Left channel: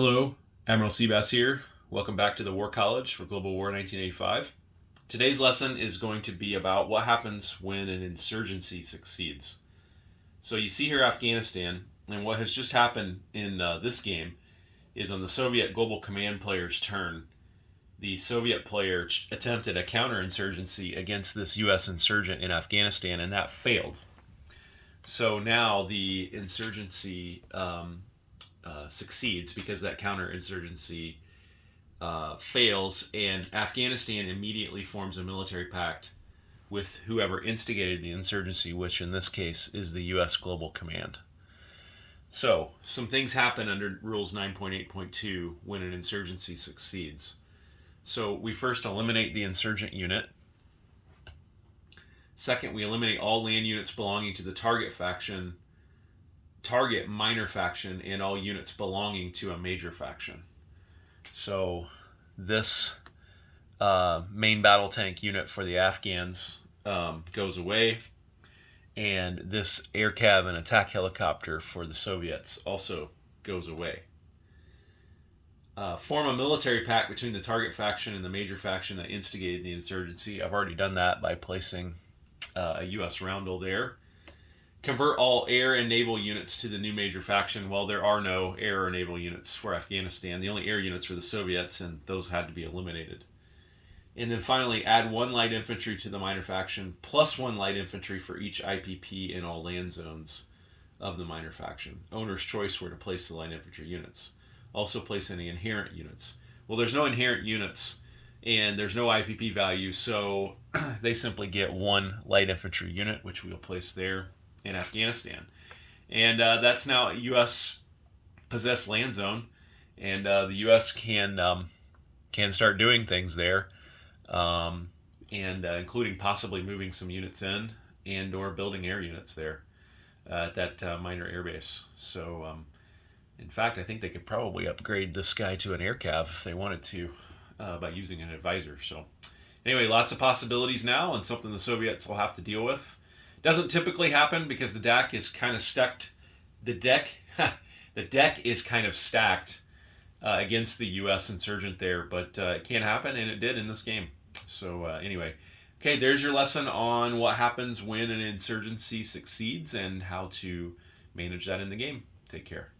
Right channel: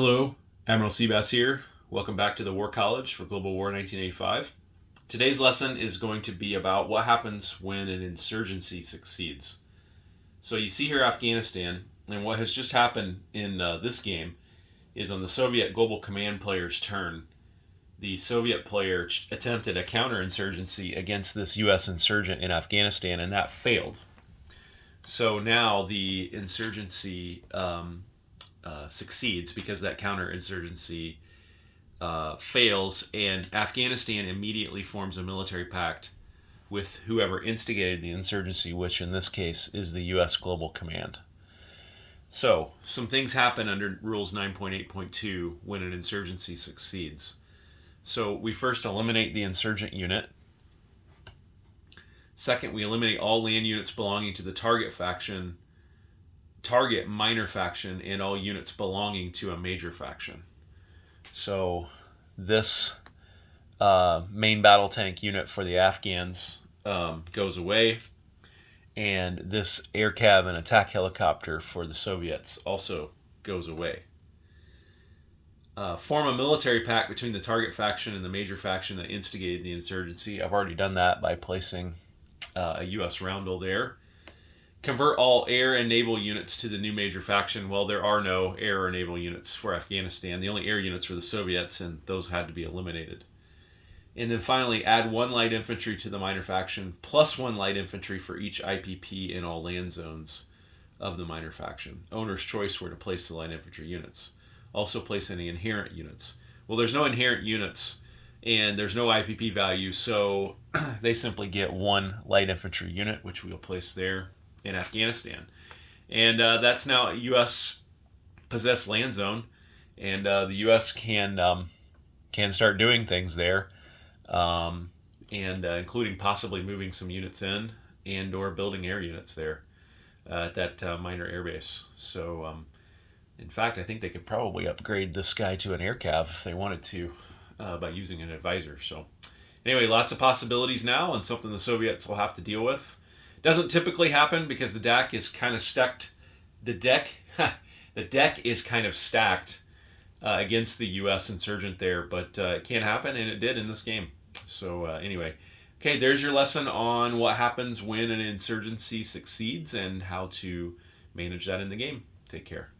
Hello, Admiral Seabass here. Welcome back to the War College for Global War 1985. Today's lesson is going to be about what happens when an insurgency succeeds. So you see here Afghanistan, and what has just happened in this game is on the Soviet Global Command player's turn, the Soviet player attempted a counterinsurgency against this U.S. insurgent in Afghanistan, and that failed. So now the insurgency succeeds because that counterinsurgency fails, and Afghanistan immediately forms a military pact with whoever instigated the insurgency, which in this case is the U.S. Global Command. So, some things happen under Rules 9.8.2 when an insurgency succeeds. So, we first eliminate the insurgent unit. Second, we eliminate all land units belonging to the target minor faction, and all units belonging to a major faction. So this main battle tank unit for the Afghans goes away, and this air cav and attack helicopter for the Soviets also goes away. Form a military pact between the target faction and the major faction that instigated the insurgency. I've already done that by placing a U.S. roundel there. Convert all air and naval units to the new major faction. Well, there are no air or naval units for Afghanistan. The only air units were the Soviets, and those had to be eliminated. And then finally, add 1 light infantry to the minor faction, plus 1 light infantry for each IPP in all land zones of the minor faction. Owner's choice where to place the light infantry units. Also place any inherent units. Well, there's no inherent units, and there's no IPP value, so they simply get 1 light infantry unit, which we'll place there in Afghanistan. And that's now a U.S. possessed land zone, and the U.S. can start doing things there, and including possibly moving some units in and or building air units there at that minor air base. So in fact, I think they could probably upgrade this guy to an air cav if they wanted to by using an advisor. So anyway, lots of possibilities now, and something the Soviets will have to deal with. Doesn't typically happen because the deck is kind of stacked. The deck is kind of stacked against the U.S. insurgent there, but it can happen, and it did in this game. So anyway, okay, there's your lesson on what happens when an insurgency succeeds and how to manage that in the game. Take care.